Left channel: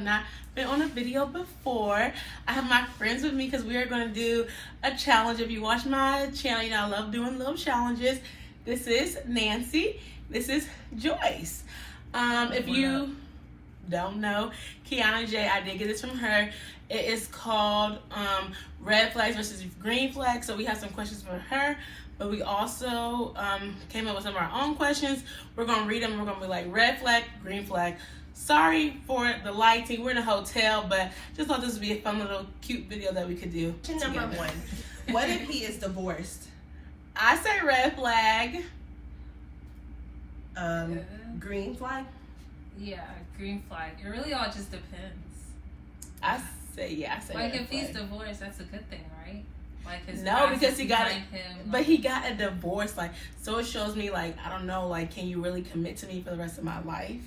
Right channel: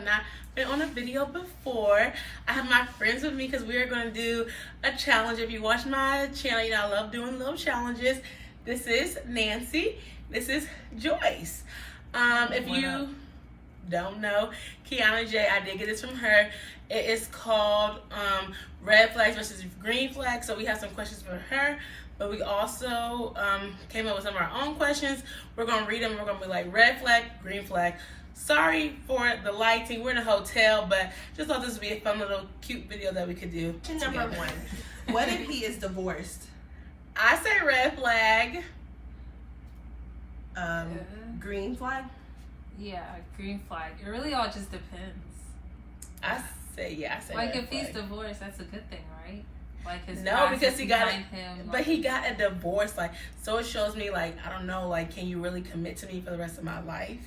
have not been on a video before. I have my friends with me because we are going to do a challenge. If you watch my channel, you know I love doing little challenges. This is Nancy. This is Joyce. If you don't know, Kiana J, I did get this from her. It is called red flags versus green flags. So we have some questions for her, but we also came up with some of our own questions. We're gonna read them. We're gonna be like red flag, green flag. Sorry for the lighting. We're in a hotel, but just thought this would be a fun little cute video that we could do. Question number 1. What if he is divorced? I say red flag. Green flag? Yeah, green flag. It really all just depends. I say like red if flag. he's divorced, that's a good thing, right? Like his No, wife because is he got it, behind him, but like, he got a divorce. Like, so it shows me, like, I don't know, like, can you really commit to me for the rest of my life?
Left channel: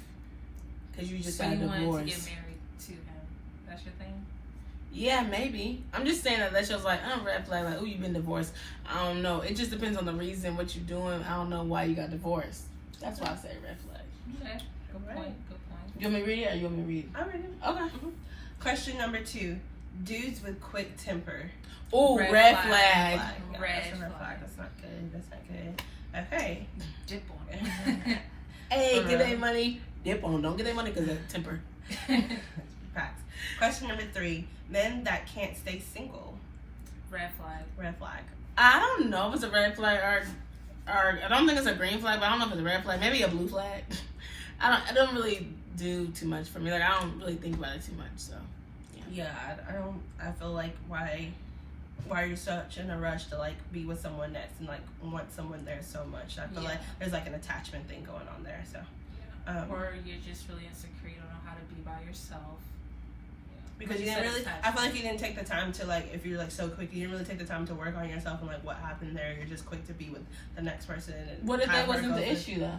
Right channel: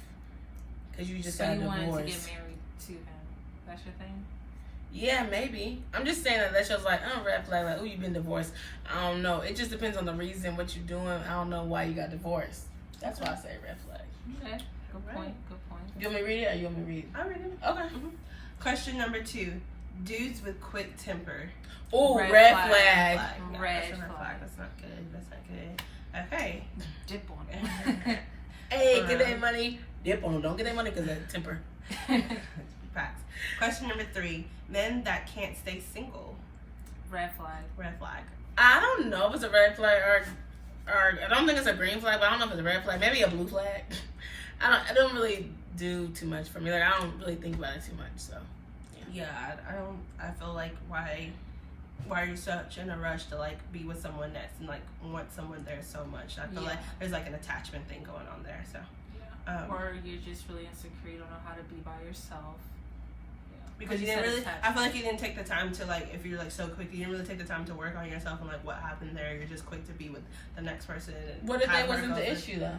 Because you just got a you wanted divorce. to get married to him. That's your thing? Yeah, maybe. I'm just saying that shows like, red flag, like, oh, you've been divorced. I don't know. It just depends on the reason, what you're doing. I don't know why you got divorced. That's why I say red flag. Okay, good point. Good point. You want me to read it or you want me to read it? I'll read it. Okay. Question number 2. Dudes with quick temper. Oh, red flag. Red Red flag. flag. That's not good. That's not good. Okay. Dip on it. Hey, get that money. Dip on them. Don't get that money because of temper. Facts. Question number 3. Men that can't stay single. Red flag. Red flag. I don't know if it's a red flag or I don't think it's a green flag, but I don't know if it's a red flag. Maybe a blue flag. I don't really do too much for me. Like, I don't really think about it too much. So Yeah, I feel like why are you such in a rush to like be with someone that's and like want someone there so much? I feel like there's like an attachment thing going on there. So or you're just really insecure, you don't know how to be by yourself. Because you didn't really, I feel like you didn't take the time to like, if you're like so quick, you didn't really take the time to work on yourself and like what happened there. You're just quick to be with the next person. And what if that wasn't the issue though?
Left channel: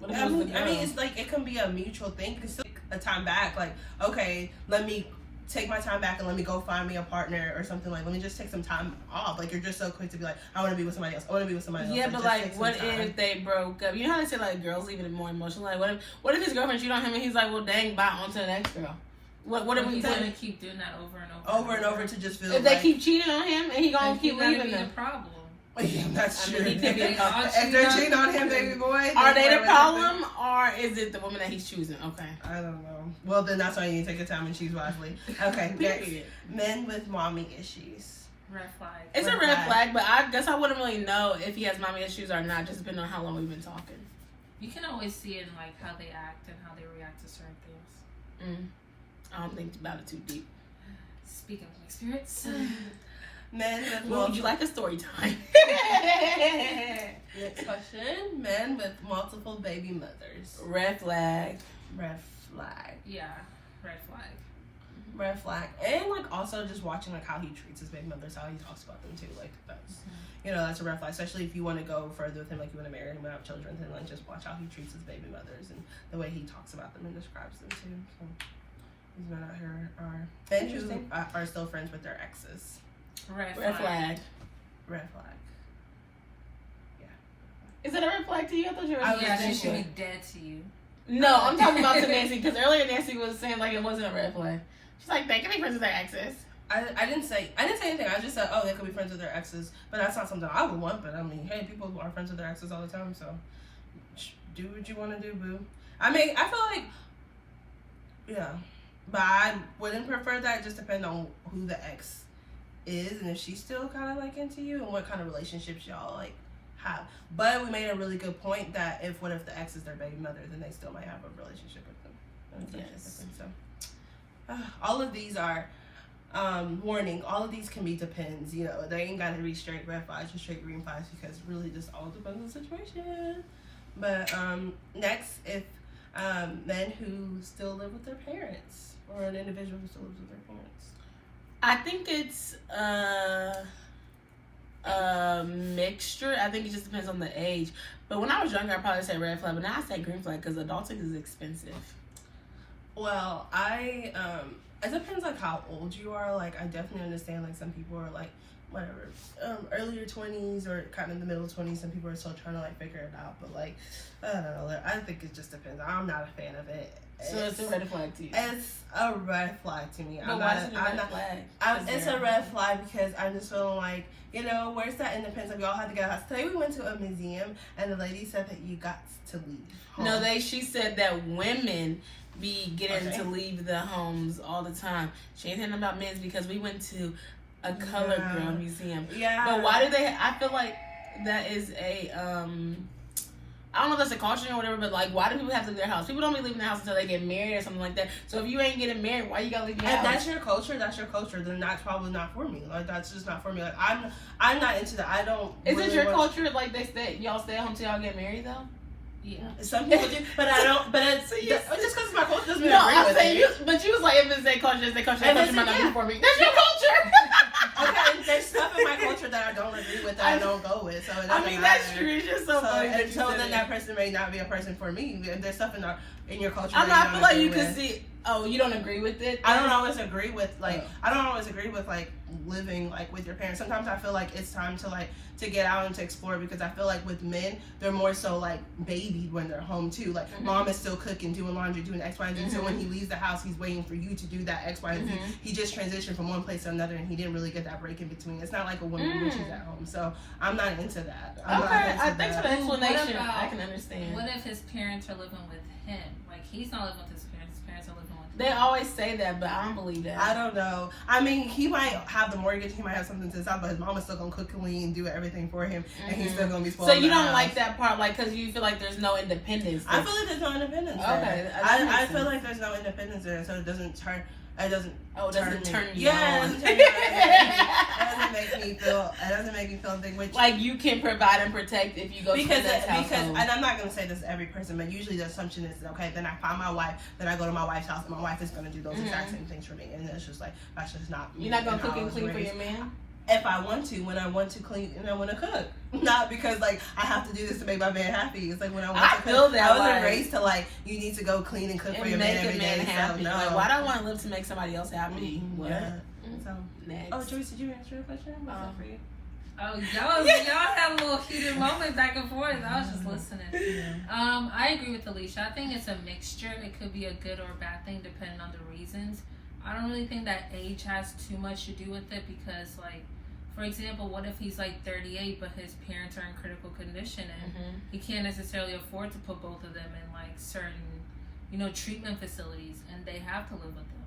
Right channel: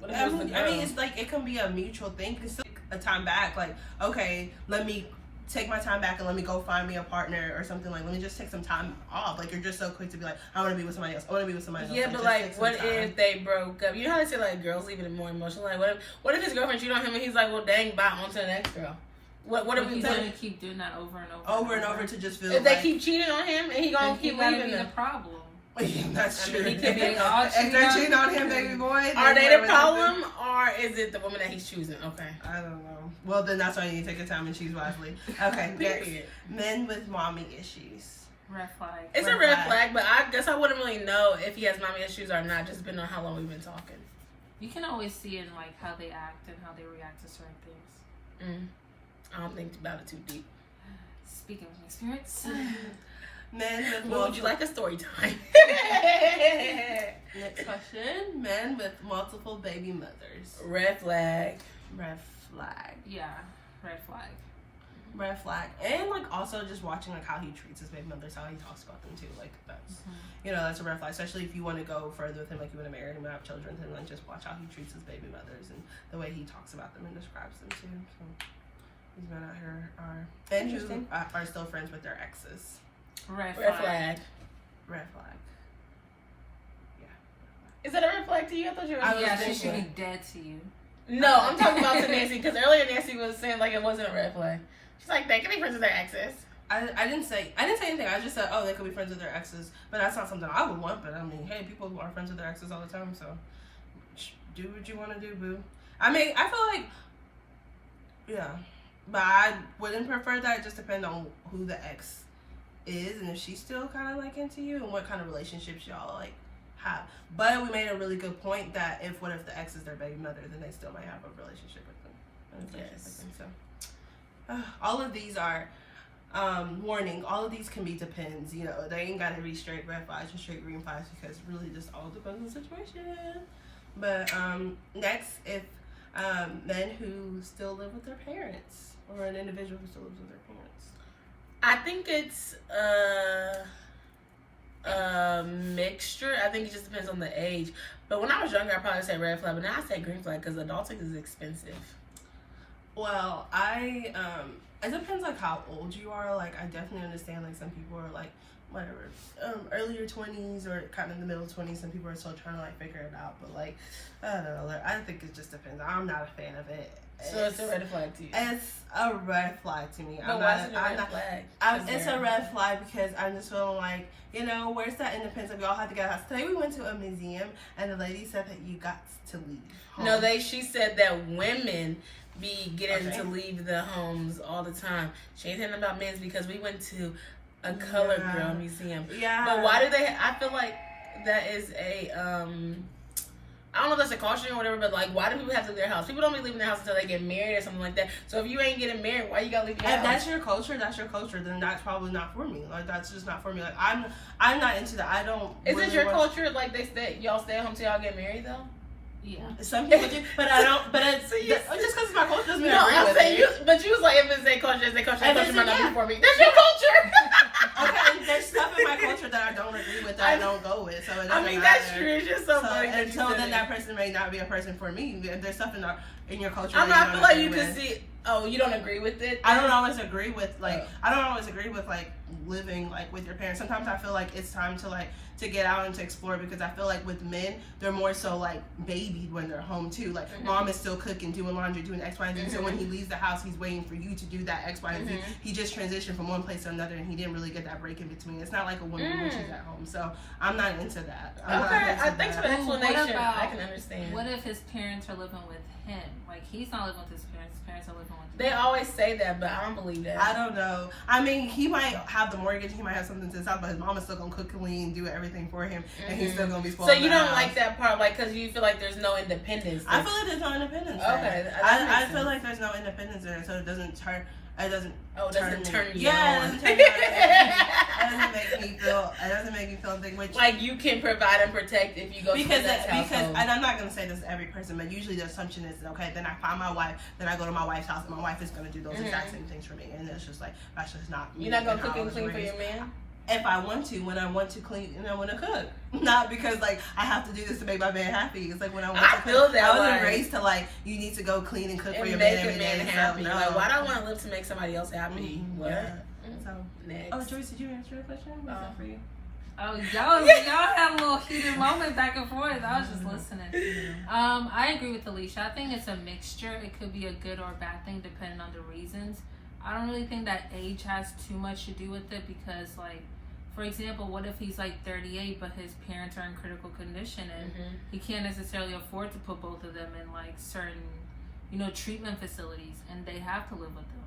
What if it was the girl? I mean, it's like it can be a mutual thing. You can still take a time back. Like, okay, let me take my time back and let me go find me a partner or something. Like, let me just take some time off. Like, you're just so quick to be like, I want to be with somebody else. I want to be with somebody else. Yeah, but like, what if they broke up? You know how they say like girls leave it more emotional. Like, what if his girlfriend cheated on him and he's like, well, dang, bye, on to the next girl. What if we gonna keep doing that over and over? Over and over to just feel. If they keep cheating on him and he gonna keep leaving them. The problem. Yeah, that's true. He could be if they're cheating on him, baby boy. Are they the problem, or is it the woman that he's choosing? Okay. I don't know. Well, then that's why you need to take your time and choose wisely. Okay, next. Men with mommy issues. Red flag. It's a red flag, but I guess I wouldn't really know if he has mommy issues or not, just depending on how long we've been talking. You can always see in like how they act and how they react to certain things. I don't think about it too deep. Speaking of experience. Men with what would you like a story time? Next question. Men with multiple baby mothers. Red flag. Red flag. Yeah, red flag. Red flag. And like also just watching like how he treats his baby mothers, how he talks about them too. Like that's you know, that's a red flag. Especially if you want to go further with him, like you want to marry him and have children, then like just watch how he treats his baby mothers and the way he talks about them and describes them too. So these men out here are interesting. Are still friends with their exes. Red flag. Red flag. Yeah. Is that a red flag to you? I thought you were. Yeah, they should be dead to you. No, I'm talking about to Nancy because earlier Nancy was saying like it wasn't a red flag. She's like, they can be friends with their exes. I didn't say anything. I just said, oh, they could be friends with their exes, but that's not something I would want. But I mean, hey, people are friends with their exes all the time, so do what you want to do, boo. I mean, I feel like, yeah, but I wouldn't prefer that. It just depends on who the ex is and if she's still kind of like into you and what kind of relationships y'all like have. But we made a really good point that what if the ex is their baby mother, then they still might have a relationship with them. Yes. So all of these are warning. All of these can be depends. You know, they ain't got to be straight red flags or straight green flags because it really just all depends on the situation. But next, if men who still live with their parents or an individual who still lives with their parents. I think it's a mixture. I think it just depends on the age. But when I was younger, I probably said red flag, but now I say green flag because adulting is expensive. Well, it depends like how old you are. Like I definitely understand like some people are like whatever, earlier 20s or kind of in the middle 20s. Some people are still trying to like figure it out. But like I don't know. I think it just depends. I'm not a fan of it. So it's a red flag to you. It's a red flag to me. But why is it a red flag? It's a red flag because I'm just feeling like, you know, where's that independence? Like, we all had to get a house. Today we went to a museum and the lady said that you got to leave home. No, she said that women be getting to leave the homes all the time. She ain't saying about men's because we went to a colored girl museum. Yeah. But why do they? I feel like that is a I don't know if that's a caution or whatever, but like, why do people have to leave their house? People don't be leaving their house until they get married or something like that. So if you ain't getting married, why you gotta leave your house? If that's your culture, then that's probably not for me. Like, that's just not for me. Like, I'm not into that. I don't. Is it your culture? Like y'all stay at home till y'all get married though? Yeah, some people do, but I don't. But it's just because it's my culture doesn't mean no. I agree I'm saying with it. but you was like, if it's their culture, it's their culture. Their culture might not be for me. That's your culture. Okay, there's stuff in my culture that I don't agree with, that I don't go with. So it doesn't matter. That's true. It's just so funny. And so then that person may not be a person for me. There's stuff in your culture. I feel like you can see. Oh, you don't agree with it? I don't always agree with living like with your parents. Sometimes I feel like it's time to get out and to explore, because I feel like with men, they're more so like babied when they're home too. Like, mom is still cooking, doing laundry, doing X, Y, and Z. So when he leaves the house, he's waiting for you to do that X, Y, and Z. He just transitioned from one place to another, and he didn't really get that break in between. It's not like a woman when she's at home. So I'm not into that. Thanks for the explanation. I can understand. What if his parents are living with him? Like, he's not living with his parents. His parents are living with him. They always say that, but I don't believe that. I don't know. I mean, he might have the mortgage, he might have something to the side, but his mama's still gonna cook, clean, do everything for him, and he's still gonna be spoiled. So you don't like that part, like, because you feel like there's no independence. I feel like there's no independence. Okay, I feel like there's no independence there, so it doesn't turn. It doesn't. Oh, it doesn't turn you yeah, on. It doesn't make me feel. It doesn't make me feel anything. Which, like, you can provide and protect if you go to the next household. And I'm not gonna say this to every person, but usually the assumption is, okay, then I find my wife, then I go to my wife's house, and my wife is gonna do those exact same things for me, and it's just like, that's just not me. You're not gonna cook and clean for your man? If I want to, when I want to clean and I want to cook, not because like I have to do this to make my man happy. It's like when I want to feel cook. that I wasn't like, raised to like, you need to go clean and cook for your man every day. Happy. So, no. Like, why do I want to live to make somebody else happy? What? Yeah. So next. Oh, Joyce, did you answer your question? What's that for you? Oh, y'all had a little heated moment back and forth. I was just listening. I agree with Alicia. I think it's a mixture. It could be a good or bad thing depending on the reasons. I don't really think that age has too much to do with it, because, like, for example, what if he's like 38 but his parents are in critical condition and he can't necessarily afford to put both of them in like certain, treatment facilities, and they have to live with him.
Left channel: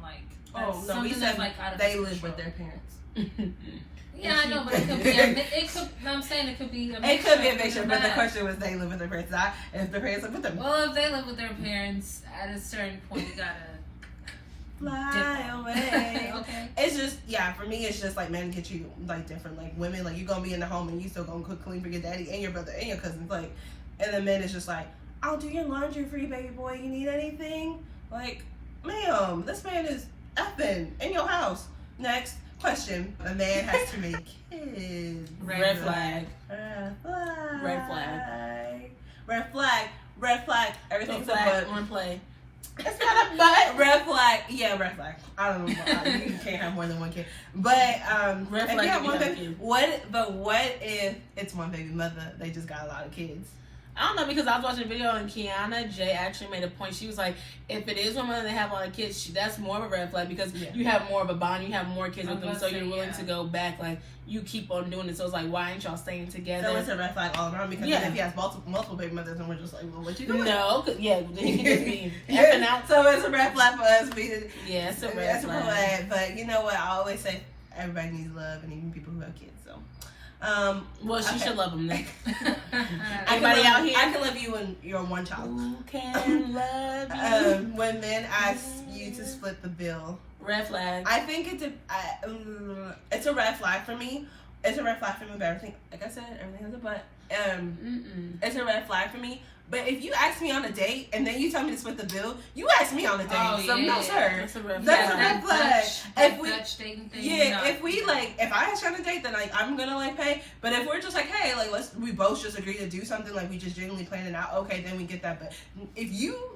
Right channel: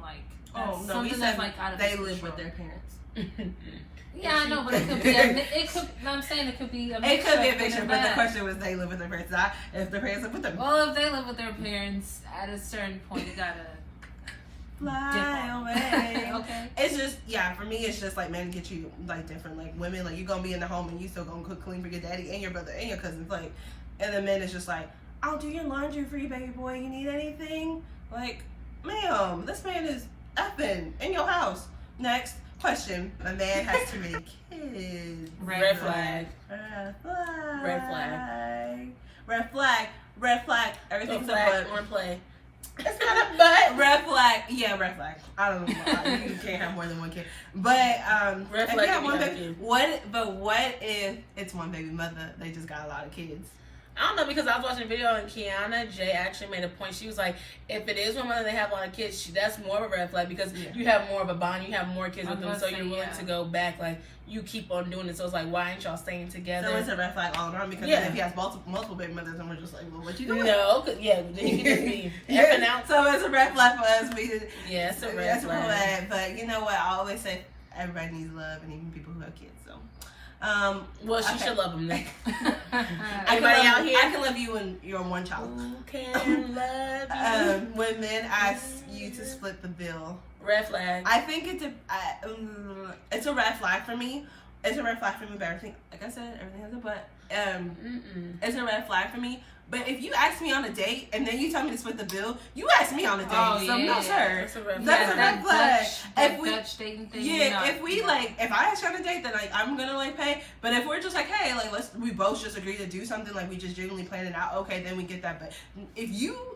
Like, oh no, we said like they live with their parents. Yeah, I know, but it could be. I'm saying it could be. It could be a mixture, but the question was they live with their parents, not if their parents live with them. Well, if they live with their parents, at a certain point, you gotta fly away. Okay. It's just, for me, it's just like men get you like different. Like women, like you gonna be in the home and you still gonna cook clean for your daddy and your brother and your cousins. Like, and the men is just like, I'll do your laundry for you, baby boy. You need anything? Like, ma'am, this man is effing in your house. Next question. A man has too many kids. Red flag. Red flag. Red flag. Red flag. Red flag. Everything's a flag. Or play. It's not a butt. Red flag. Yeah, red flag. I don't know. You can't have more than one kid. But red flag. If one baby, what if it's one baby mother? They just got a lot of kids. I don't know, because I was watching a video and Kiana J actually made a point. She was like, if it is one mother, they have a lot of kids, that's more of a red flag, because you have more of a bond, you have more kids with them, so you're willing to go back. Like, you keep on doing it. So it's like, why ain't y'all staying together? So it's a red flag all around, because if he has multiple baby mothers, and we're just like, well, what you doing? No, then he can just be effing out. So it's a red flag for us. Yeah, it's a red flag. But you know what? I always say everybody needs love, and even people who have kids. So. Well, she should love him then. Anybody out here? I can love you when you're one child. Who can love you? When men ask you to split the bill. Red flag. I think it's a red flag for me. It's a red flag for me, but everything, like I said, everything has a but. It's a red flag for me. But if you ask me on a date and then you tell me to split the bill, you ask me on a date. No, sir. That's a red flag. If I ask you on a date, then like I'm gonna like pay. But if we're just like, hey, like we both just agree to do something, like we just genuinely plan it out, okay, then we get that. But if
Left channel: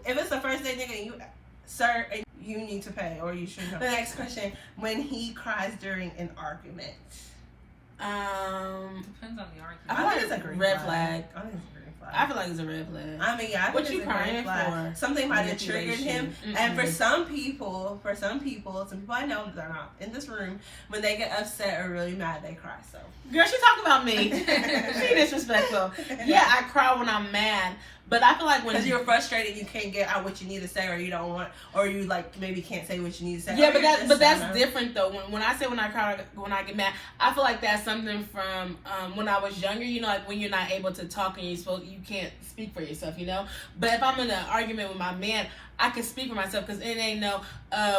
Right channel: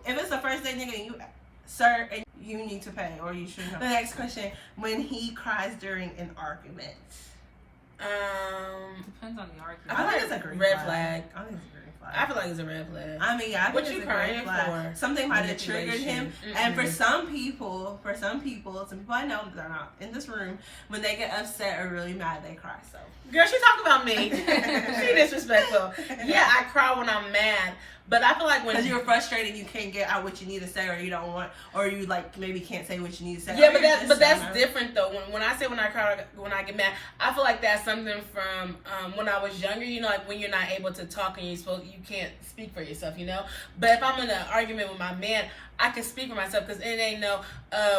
it's the first date, nigga, and you, sir, and you need to pay, or you shouldn't. The next question: when he cries during an argument. Depends on the argument. I feel like it's a red flag. I think it's a green flag. I feel like it's a red flag. I mean, yeah, I think What it's you a crying green flag. for? Something might have triggered him. Manipulation. And for some people I know that are not in this room, when they get upset or really mad, they cry. So, Girl, she talking about me. She disrespectful. Yeah, I cry when I'm mad, but I feel like when because you're frustrated, you can't get out what you need to say, or you don't want, or you like maybe can't say what you need to say. yeah, but that's different though. When I say when I cry, when I get mad, I feel like that's something from when I was younger. You know, like when you're not able to talk and you can't speak for yourself. You know, but if I'm in an argument with my man, I can speak for myself because it ain't no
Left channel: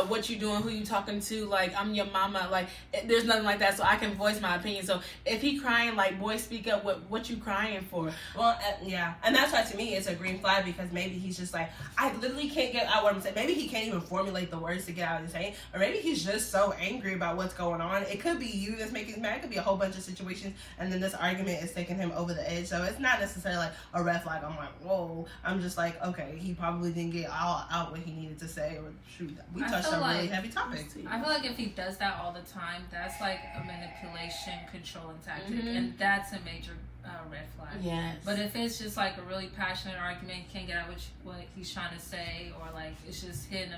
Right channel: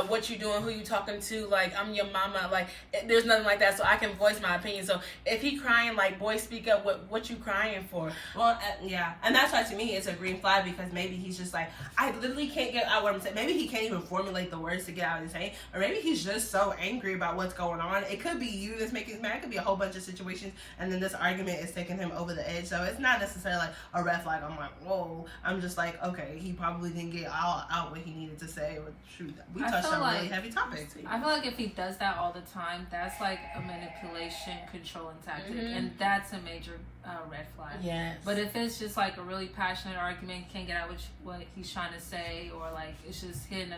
what you doing, who you talking to. Like I'm your mama. Like there's nothing like that, so I can voice my opinion. So if he crying, like boy, speak up. What you crying for? Well, yeah, and that's why to me it's a green flag because maybe he's just like I literally can't get out what I'm saying. Maybe he can't even formulate the words to get out and say, or maybe he's just so angry about what's going on. It could be you that's making him mad. It could be a whole bunch of situations, and then this argument is taking him over the edge. So it's not necessarily like a red flag. I'm like, whoa. I'm just like, okay, he probably didn't get out what he needed to say. Or shoot, we touched on really heavy topics. I feel like if he does that all the time, that's like a manipulation, controlling tactic, and that's a major red flag. Yes. But if it's just like a really passionate argument, can't get out what he's trying to say, or like it's just hitting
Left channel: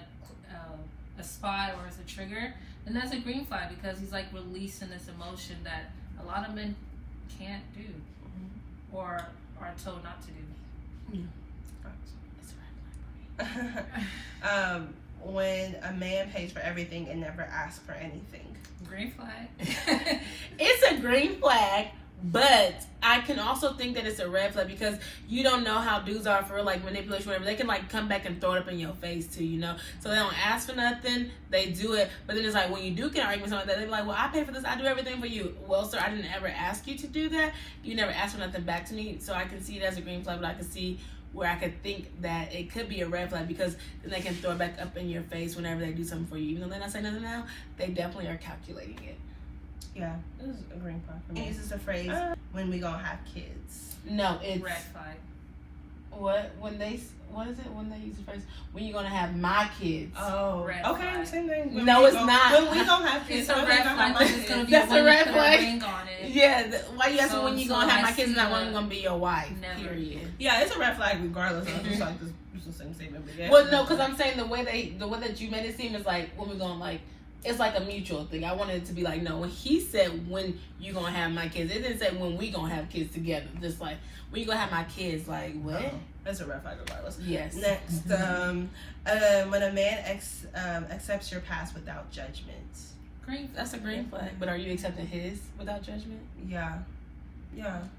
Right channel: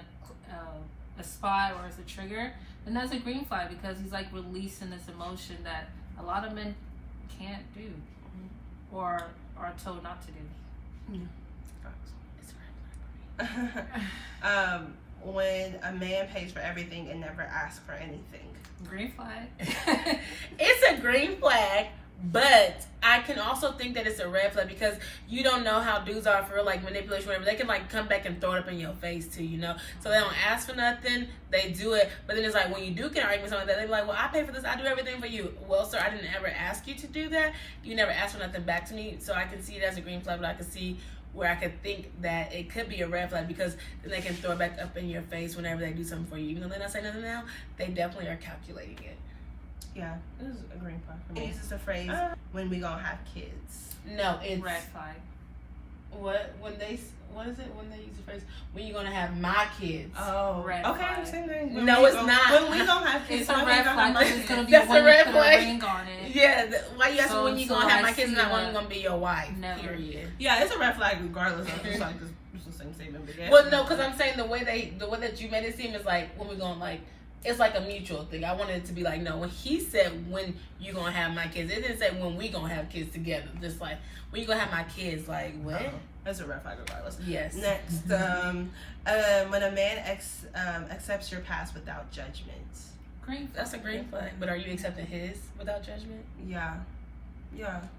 a spot or it's a trigger, then that's a green flag because he's like releasing this emotion that a lot of men can't do or are told not to do. Yeah. It's a red flag for me. When a man pays for everything and never asks for anything. Green flag. It's a green flag, but I can also think that it's a red flag because you don't know how dudes are for real, like manipulation, whatever. They can like come back and throw it up in your face too, you know. So they don't ask for nothing, they do it. But then it's like when you do get an argument, something like that, they be like, "Well, I pay for this, I do everything for you." Well, sir, I didn't ever ask you to do that. You never asked for nothing back to me, so I can see it as a green flag, but I can see where I could think that it could be a red flag because then they can throw it back up in your face whenever they do something for you. Even though they're not saying nothing now, they definitely are calculating it. Yeah, this is a green flag for me. This is a phrase, when we gonna have kids. No, it's... Red flag. What is it when they use the phrase, when you gonna have my kids? Oh, red okay, flag. same thing. No, it's not. When we gonna have kids, It's a red flag. It's gonna be That's when a red you put flag. a ring on it. Yeah, why you asking So- when you so gonna have I my kids and see not when that. I'm gonna be your wife? Never. Period. Yeah, it's a red flag regardless of it's like it's the same statement. But yeah, Well, no, because I'm saying the way that you made it seem is like when we're gonna like. It's like a mutual thing. I wanted it to be like, no, when he said when you gonna have my kids, it didn't say when we gonna have kids together. Just like when you gonna have my kids, like what? That's a red flag regardless. Yes. Next, when a man accepts your past without judgment. Green. That's a green flag. But are you accepting his without judgment? Yeah,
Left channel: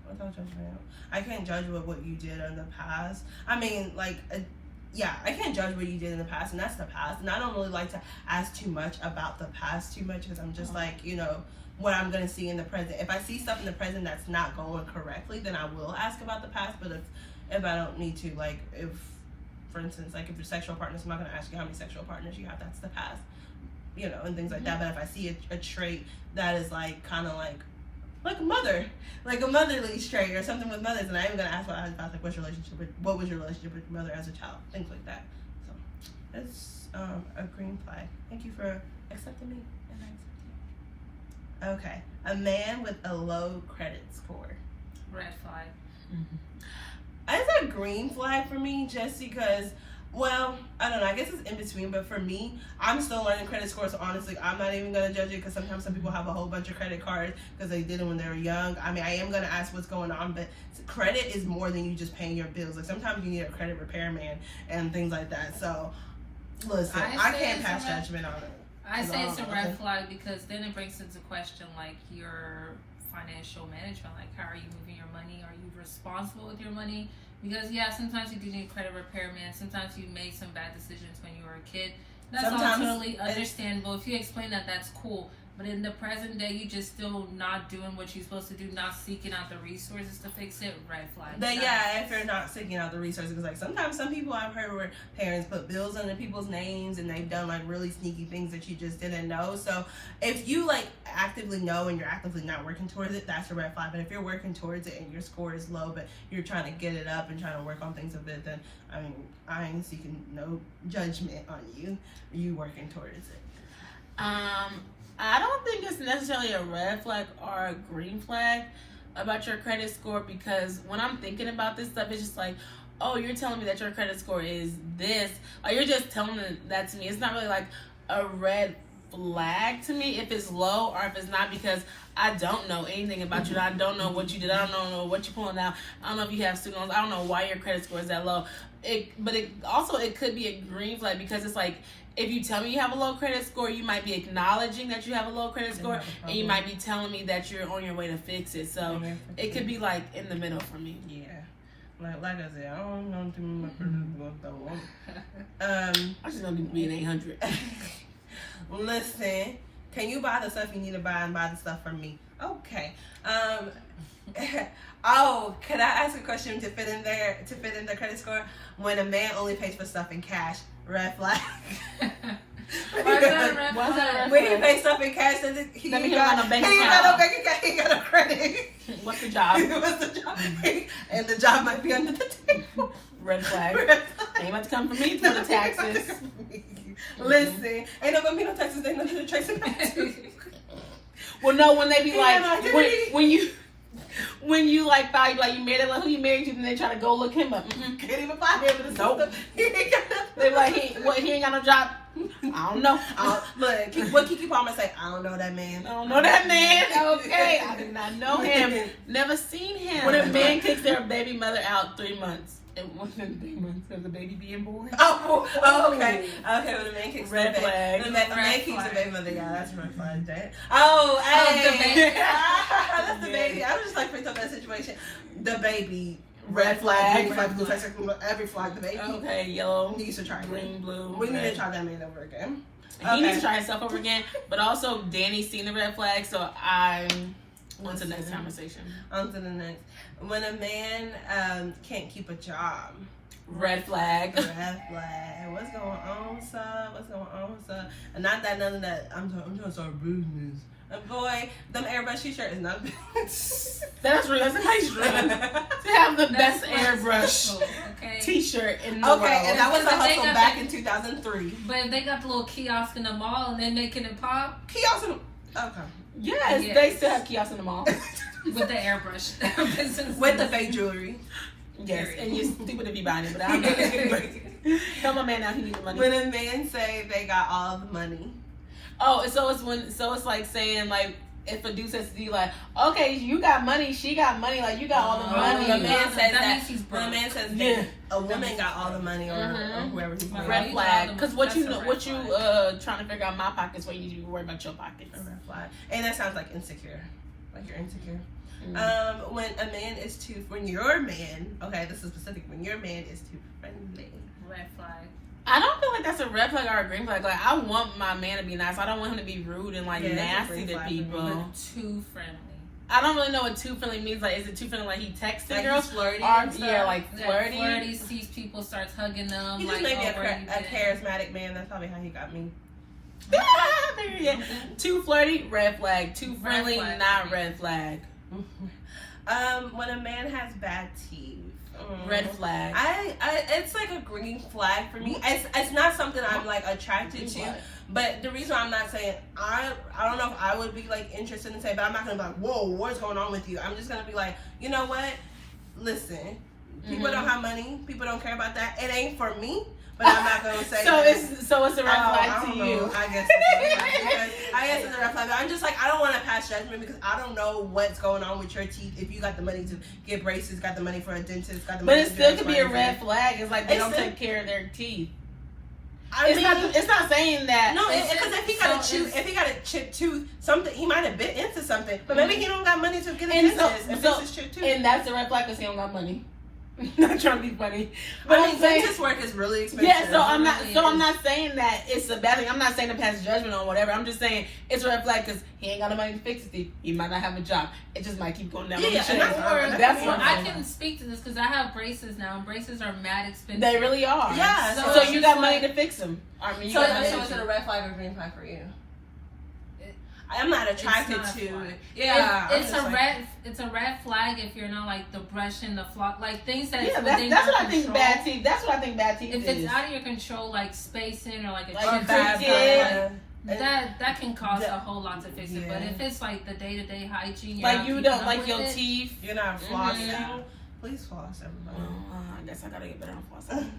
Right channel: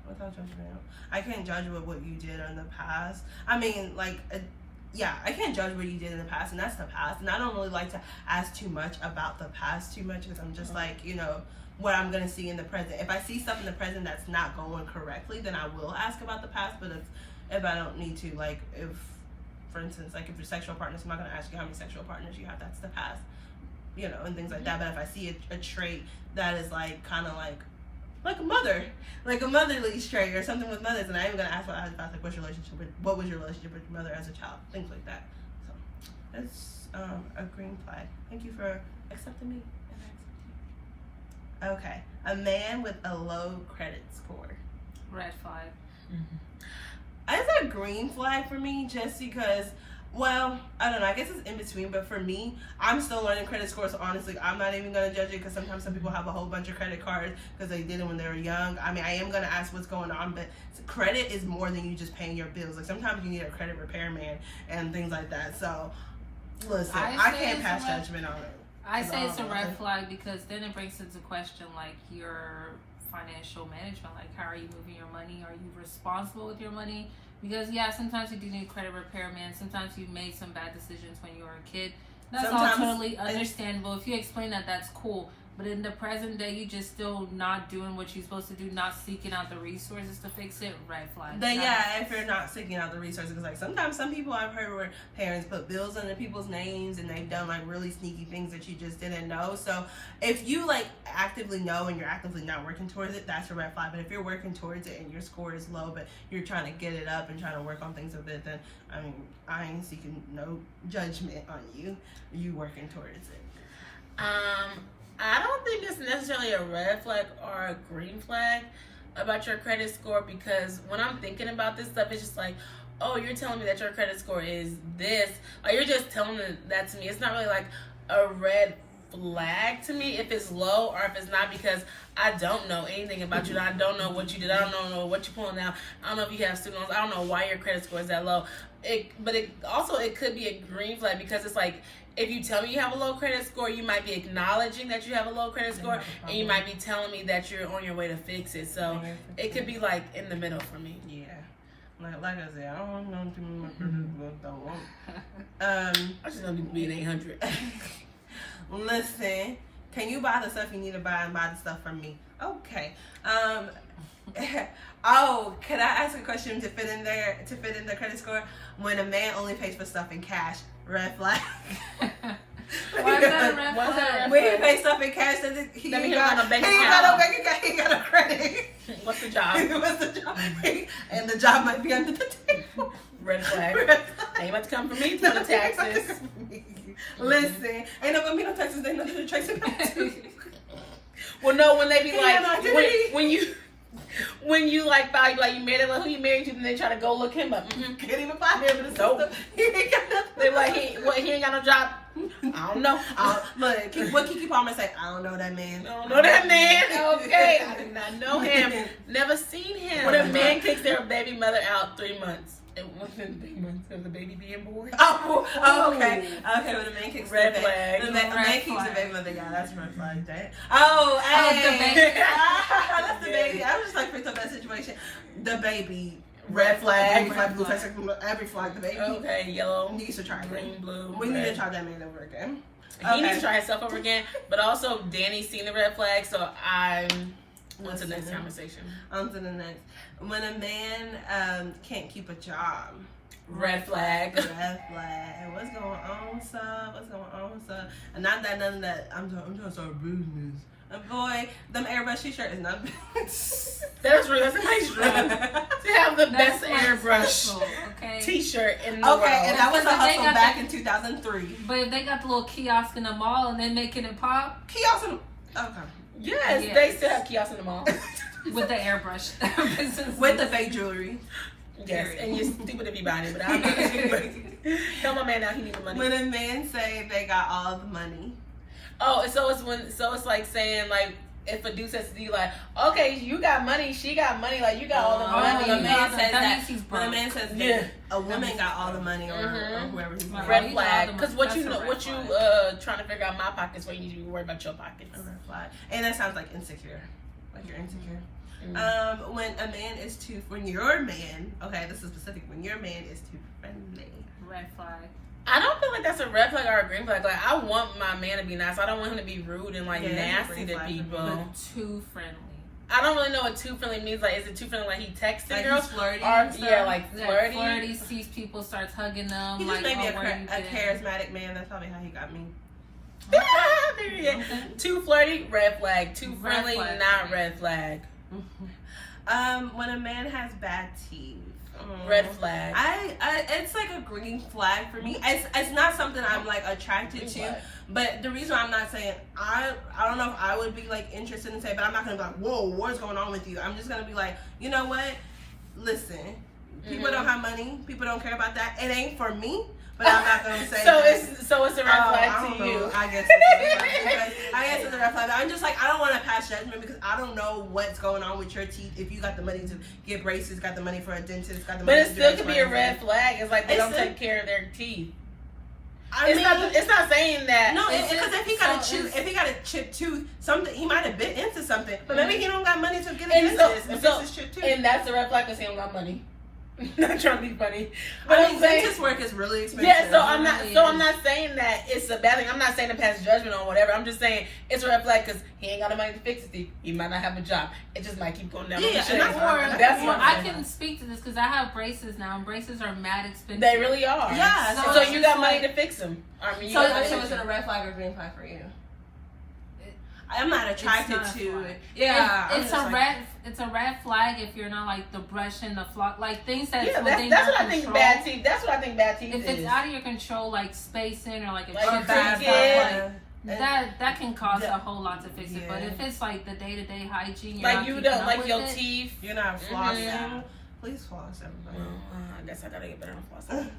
without judgment. I can't judge what you did in the past. I mean, like. Yeah, I can't judge what you did in the past, and that's the past. And I don't really like to ask too much about the past too much because I'm just like, you know, what I'm going to see in the present. If I see stuff in the present that's not going correctly, then I will ask about the past. But if I don't need to, like, if, for instance, like if you're sexual partners, I'm not going to ask you how many sexual partners you have. That's the past, you know, and things like that. But if I see a trait that is, like, kind of like a mother, like a motherly trait or something with mothers, and I'm even gonna ask what like what was your relationship with your mother as a child, things like that. So that's a green flag. Thank you for accepting me, and I accept you. Okay, a man with a low credit score. Red flag. It's a green flag for me, just because. Well, I don't know. I guess it's in between, but for me, I'm still learning credit scores. So honestly, I'm not even gonna judge it because sometimes some people have a whole bunch of credit cards because they did it when they were young. I mean, I am gonna ask what's going on, but credit is more than you just paying your bills. Like sometimes you need a credit repairman and things like that. So listen, I can't pass judgment on it. I say it's a red flag because then it brings into question like your financial management. Like, how are you moving your money? Are you responsible with your money? Because yeah, sometimes you do need credit repairman. Sometimes you made some bad decisions when you were a kid. That's all totally understandable. If you explain that, that's cool. But in the present day, you just still not doing what you're supposed to do, not seeking out the resources to fix it, red flag. But yeah, if you're not seeking out the resources, because like sometimes some people I've heard where parents put bills under people's names and they've done like really sneaky things that you just didn't know. So if you like actively know and you're actively not working towards it, that's a red flag. But if you're working towards it and your score is low, but you're trying to get it up and trying to work on things a bit, then I mean, I ain't seeking no judgment on you. You working towards it. I don't think it's necessarily a red flag or a green flag about your credit score, because when I'm thinking about this stuff, it's just like, oh, you're telling me that your credit score is this. Like, you're just telling that to me. It's not really like a red flag to me if it's low or if it's not, because I don't know anything about you. I don't know what you did. I don't know what you're pulling out. I don't know if you have student loans. I don't know why your credit score is that low. But it could be a green flag, because it's like, if you tell me you have a low credit score, you might be acknowledging that you have a low credit score, and you might be telling me that you're on your way to fix it. So it could be like in the middle for me. Yeah. Like I said, I don't know too much about that. I just don't need to be an 800. Listen, can you buy the stuff you need to buy and buy the stuff from me? Okay. Oh, could I ask a question to fit in the credit score? When a man only pays for stuff in cash, red flag. Why is that a red flag? When he pays stuff in cash, he ain't got no bank account. He ain't got no credit. What's the job? What's the job? And the job might be under the table. Red flag. Ain't about to come for me for the taxes. Listen, ain't no gonna be no taxes. Ain't nothing to trace it back to. Well, no, when they be like, when you like file, you like, you married, like, who you married to, and they try to go look him up. Can't even file him in the Nope. He ain't got nothing. They like, he ain't got no job. I don't know. Look, what Kiki Palmer say? I don't know that man. I don't know that man. Okay, I did not know him. Never seen him. When a man kicks their baby mother out 3 months. It wasn't 3 months of the baby being born. Oh, okay. Okay, when a man kicks red flag. When a man kicks the baby mother, yeah, that's red flag. That. Oh, hey. That's the baby. I was just like freaked out that situation. The baby. Red flag. Blue flag, every flag, the baby. Okay, yellow. He needs to try green, blue. We need to try that man over again. He needs to try himself over again. But also, Danny's seen the red flag, so I'm on to the next conversation. On to the next. When a man can't keep a job. Red flag. Red flag. What's going on, son? What's going on, son? And not that none of that. I'm trying to start business. Boy, them airbrush t-shirt is not That's real. That's a nice dream to have the best airbrush t-shirt in the world. And that was a hustle back in 2003. But if they got the little kiosk in the mall and they're making it pop. Kiosk in the okay. Yes, they still have kiosks in the mall. With the airbrush. With the fake jewelry. Yes, and you're stupid if you buy it, but I'm not stupid. Tell my man now he needs the money. When a man say they got all the money. Oh, so it's like saying, like, if a dude says to you, like, okay, you got money, she got money, like, you got all the money. When a man says that, when a man says that a woman got all the money, or whoever he's red flag. Because what you trying to figure out my pockets, why you need to be worried about your pockets. Red flag. And that sounds like insecure. Like you're insecure. When your man, okay, this is specific, when your man is too friendly. Red flag. I don't feel like that's a red flag or a green flag. Like, I want my man to be nice. I don't want him to be rude and, like, nasty to people. Too friendly. I don't really know what too friendly means. Like, is it too friendly like he texting like girls? Flirty like flirty. Flirty, sees people, starts hugging them. He just like, made me a charismatic man. That's probably how he got me. Yeah. Too flirty, red flag. Too friendly, not red flag. When a man has bad teeth. Red flag. It's like a green flag for me. It's not something I'm like attracted to, but the reason I'm not saying I don't know if I would be like interested in saying, but I'm not gonna be like, whoa, what's going on with you? I'm just gonna be like, you know what? Listen, people don't have money. People don't care about that. It ain't for me. But I'm not gonna say. So it's a red flag to you. I guess it's a red flag. I'm just like, I don't want to pass judgment because I don't know what's going on with your teeth. If you got the money to get braces, got the money for a dentist, got the money. But it still could be a red flag. It's like they don't take care of their teeth. It's not saying that. No, because if he got a chipped tooth, something he might have bit into something. But maybe he don't got money to get a dentist. And that's the red flag because he don't got money. Not trying to be funny, but I'm saying dentist work is really expensive. Yeah, so I'm not saying that it's a bad thing. I'm not saying to pass judgment on whatever. I'm just saying it's a red flag because he ain't got the money to fix his teeth. He might not have a job. It just might keep going down. That's what I can speak to this because I have braces now, and braces are mad expensive. They really are. Yeah. So you got money to fix them. I mean, so is it a red flag or green flag for you? I'm not attracted to it. Yeah, it's a red flag if you're not like the brush and the flock, like things that. Yeah, that's what I think bad teeth. That's what I think bad teeth is. If it's out of your control, like spacing or like a bad kid. That can cost a whole lot to fix it. But if it's like the day-to-day hygiene, like you don't like your teeth, you're not flossing. Please floss, everybody. I guess I gotta get better on flossing.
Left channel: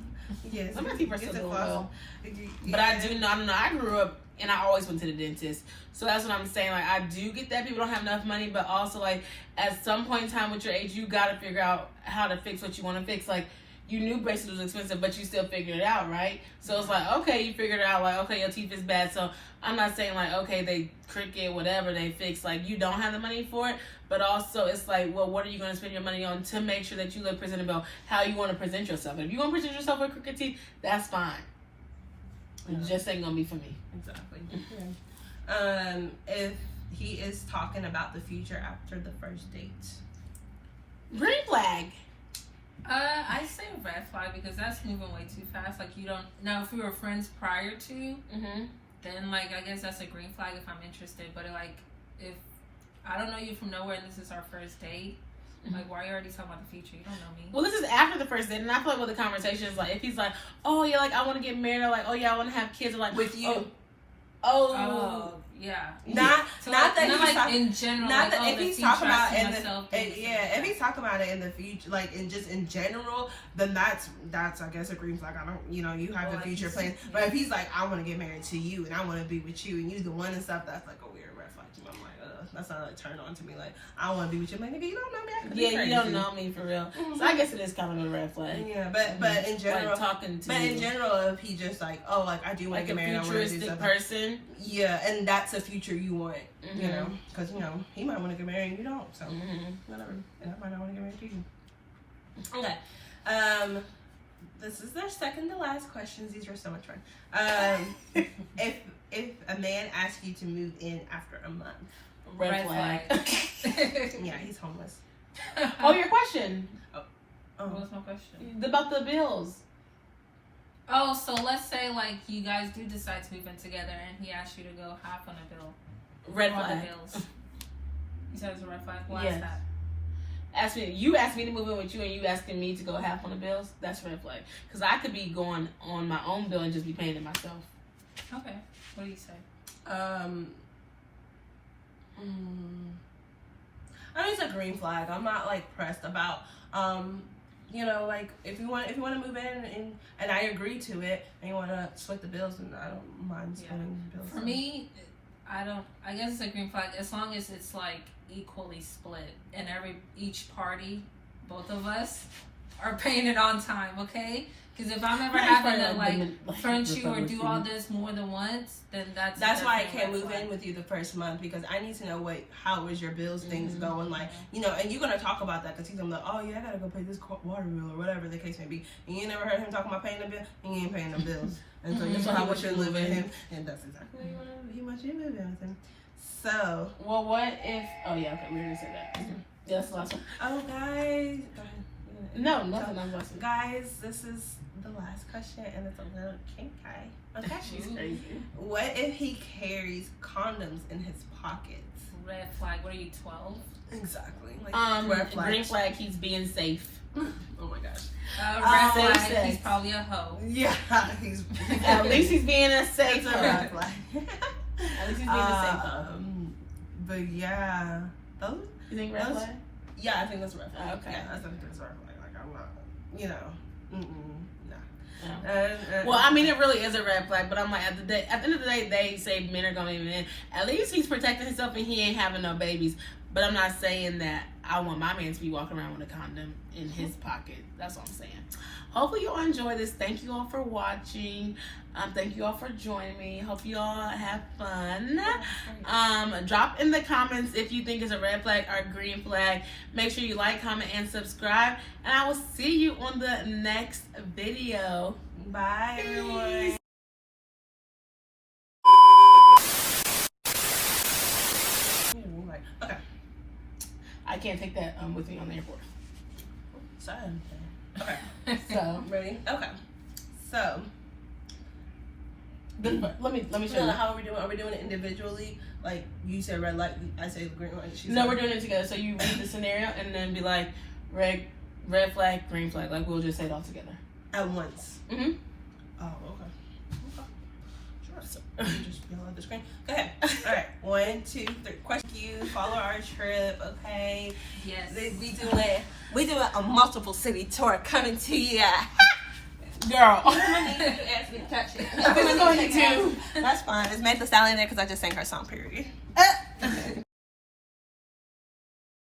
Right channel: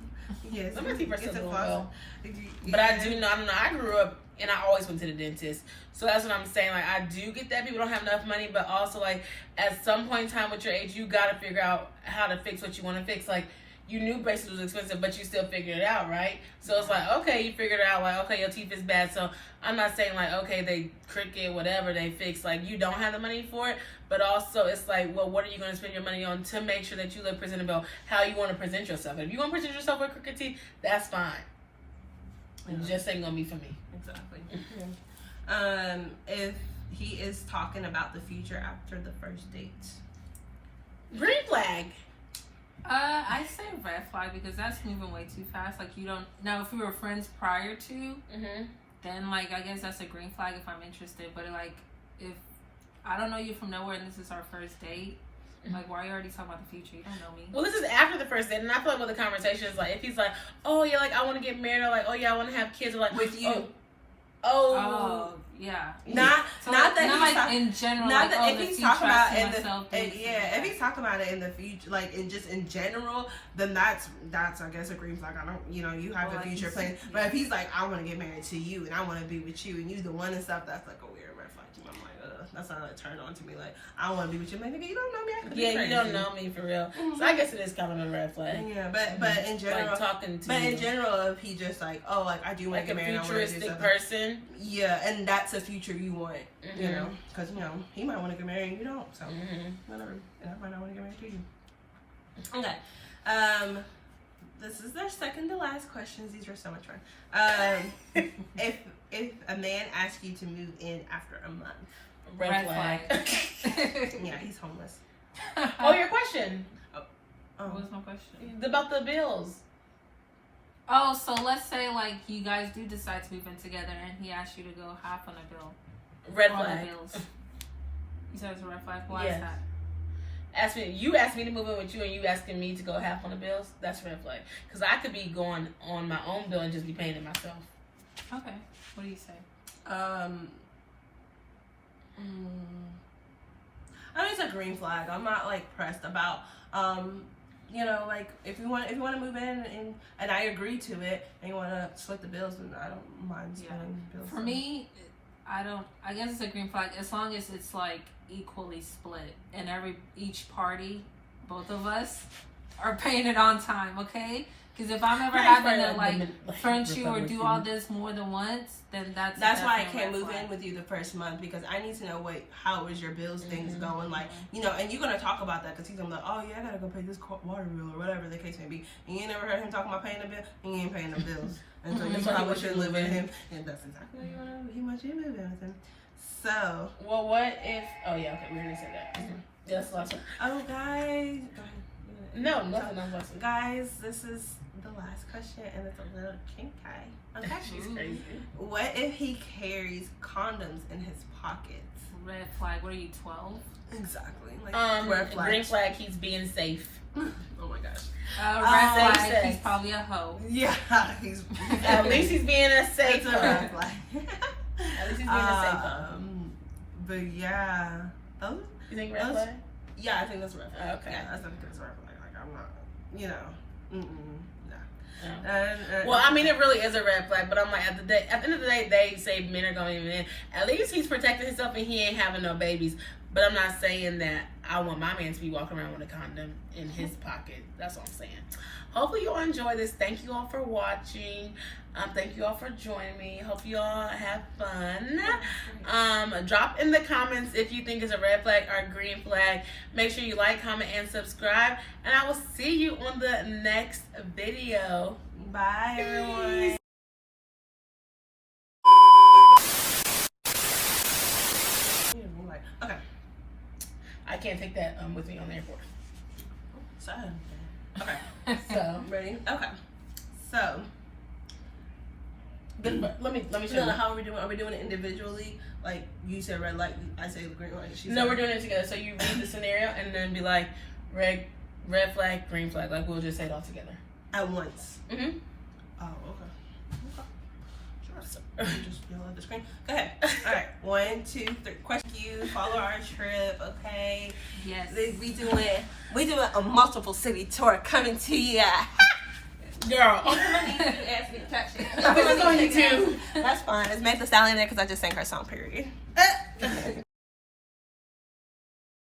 Yes, some of my teeth are still doing well. Yeah. But I do know, I don't know. I grew up and I always went to the dentist, so that's what I'm saying. Like I do get that people don't have enough money, but also like at some point in time with your age, you gotta figure out how to fix what you want to fix. Like you knew braces was expensive, but you still figured it out, right? So it's like, okay, you figured it out. Like, okay, your teeth is bad. So I'm not saying like, okay, they crooked, whatever they fix. Like you don't have the money for it, but also it's like, well, what are you going to spend your money on to make sure that you look presentable? How you want to present yourself? If you want to present yourself with crooked teeth, that's fine. It just ain't gonna be for me. Exactly. If he is talking about the future after the first date, green flag. I say red flag because that's moving way too fast. Like you don't now if we were friends prior to, then like I guess that's a green flag if I'm interested. But like if I don't know you from nowhere and this is our first date, like why are you already talking about the future? You don't know me. Well, this is after the first date, and I feel like with the conversation is like if he's like, oh yeah, like I want to get married, or like oh yeah, I want to have kids, or like with you. Oh yeah. Not that not he's like in general. Not like, that if he's talking about in the if he's talking about it in the future, like in just in general, then that's I guess a green flag. I don't, you have the future plans. But if he's like, I want to get married to you and I want to be with you and you the one and stuff, that's like a weird red flag to me. I'm like, that's not like turned on to me. Like I want to be with you. I'm like, nigga, you don't know me. I could be crazy. You don't know me for real. So I guess it is kind of a red flag. Yeah, but in general, like talking to. But in general, if he just like, oh, like I do want to get married, I want to do something. Person. Yeah, and that's a future you want, you know, because he might want to get married and you don't, so whatever. And I might not want to get married to you. Okay, this is their second to last questions. These are so much fun. If a man asks you to move in after a month, red flag. Yeah, he's homeless. Oh, your question. What's my question? About the bills. Oh, so let's say like you guys do decide to move in together and he asks you to go half on a bill. Red flag. You said it's a red flag? Why yes. is that? You asked me to move in with you and you asking me to go half on the bills, that's red flag. Because I could be going on my own bill and just be paying it myself. Okay. What do you say? I mean, it's a green flag. I'm not like pressed about like if you want to move in and I agree to it and you want to split the bills, then I don't mind splitting the bills. For me, I guess it's a green flag as long as it's like equally split and each party, both of us, are paying it on time. Okay. Because if I'm ever having to like front you or do all this more than once, then that's why I can't move in with you the first month, because I need to know how is your bills things going, like and you're gonna talk about that because he's gonna be like, oh yeah, I gotta go pay this water bill or whatever the case may be, and you never heard him talking about paying the bill, and he ain't paying the bills, and so you probably should live with him, and that's exactly what he wants you to move in with him. So well, what if? Oh yeah, okay, we already said that. Yeah, that's the last one. Oh guys, no, nothing. I'm listening. Guys, this is the last question, and it's a little kinky. Okay. She's crazy. What if he carries condoms in his pockets? Red flag. What are you, 12? Exactly. Like, red flag. Green flag. He's being safe. Oh my gosh. Red flag. He's probably a hoe. Yeah. He's at least he's being a safe. It's a red flag. At least he's being a safe. But yeah. You think red flag? Yeah, I think that's a red flag. Okay. Yeah, I think that's a red flag. Like I'm not. Well, I mean, it really is a red flag, but I'm like, at the end of the day, they say men are going to be in. At least he's protecting himself and he ain't having no babies. But I'm not saying that I want my man to be walking around with a condom in his pocket. That's what I'm saying. Hopefully you all enjoy this. Thank you all for watching. Thank you all for joining me. Hope you all have fun. Drop in the comments if you think it's a red flag or a green flag. Make sure you like, comment, and subscribe. And I will see you on the next video. Bye, everyone. Okay. I can't take that with me on the airport. Okay. So ready? Okay. So let me show you. How are we doing? Are we doing it individually? Like you said red light, I say green light. No, we're doing it together. So you read the scenario and then be like red flag, green flag. Like we'll just say it all together at once. Mm-hmm. Oh, okay. Just yell at the screen. Go ahead. All right. 1, 2, 3. Question you. Follow our trip. Okay. Yes. We doing a multiple city tour coming to you. Girl. That's fine. It's Meg the Stallion there because I just sang her song. Period.